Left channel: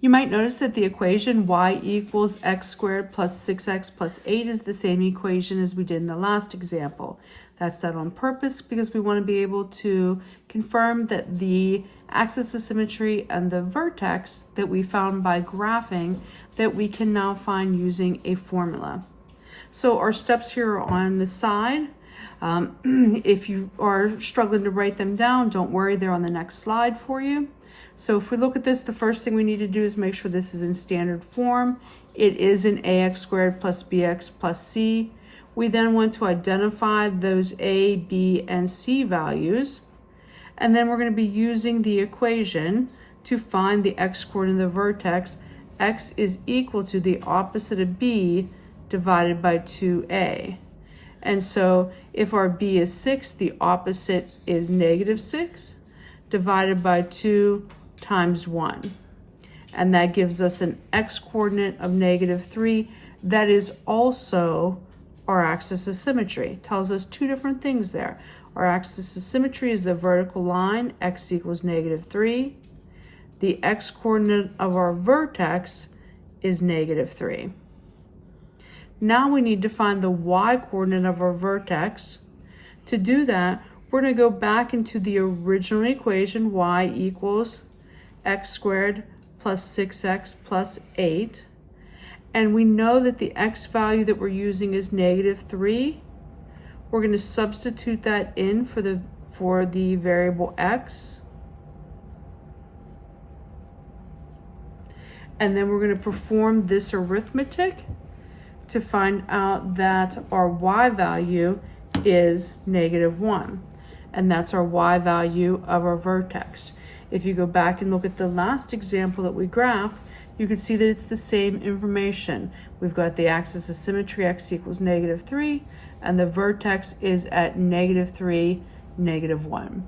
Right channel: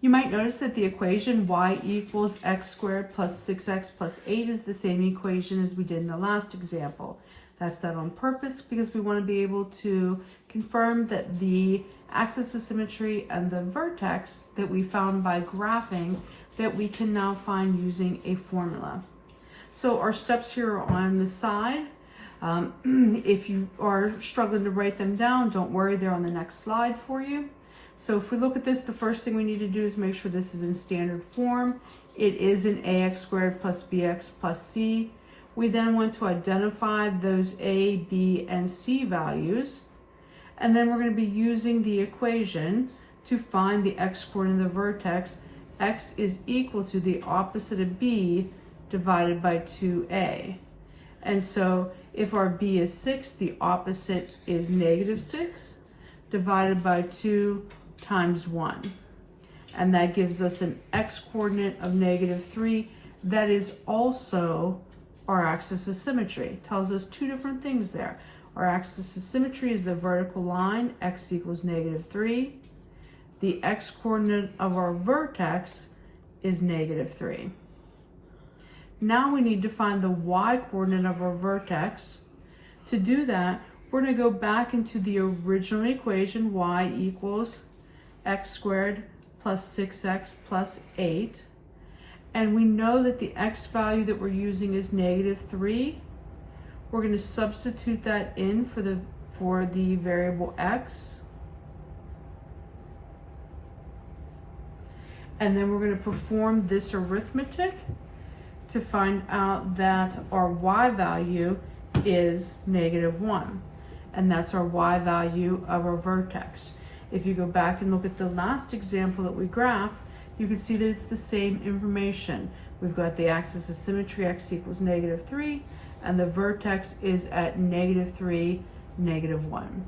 You might notice that the equation y equals x squared plus 6x plus 8 is the same equation as we did in the last example. That's done on purpose because we want to be able to confirm that the axis of symmetry and the vertex that we found by graphing that we can now find using a formula. So our steps here are on the side. If you are struggling to write them down, don't worry, they're on the next slide for you. So if we look at this, the first thing we need to do is make sure this is in standard form. It is in ax squared plus bx plus c. We then want to identify those a, b, and c values. And then we're going to be using the equation to find the x-coordinate of the vertex. X is equal to the opposite of b divided by 2a. And so if our b is 6, the opposite is negative 6 divided by 2 times 1. And that gives us an x-coordinate of negative 3. That is also our axis of symmetry. Tells us two different things there. Our axis of symmetry is the vertical line, x equals negative 3. The x-coordinate of our vertex is negative 3. Now we need to find the y-coordinate of our vertex. To do that, we're going to go back into the original equation, y equals x squared plus 6x plus 8. And we know that the x value that we're using is negative 3. We're going to substitute that in for the variable x. And then we're going to perform this arithmetic to find out that our y value is negative 1. And that's our y value of our vertex. If you go back and look at the last example that we graphed, you can see that it's the same information. We've got the axis of symmetry, x equals negative 3, and the vertex is at negative 3, negative 1.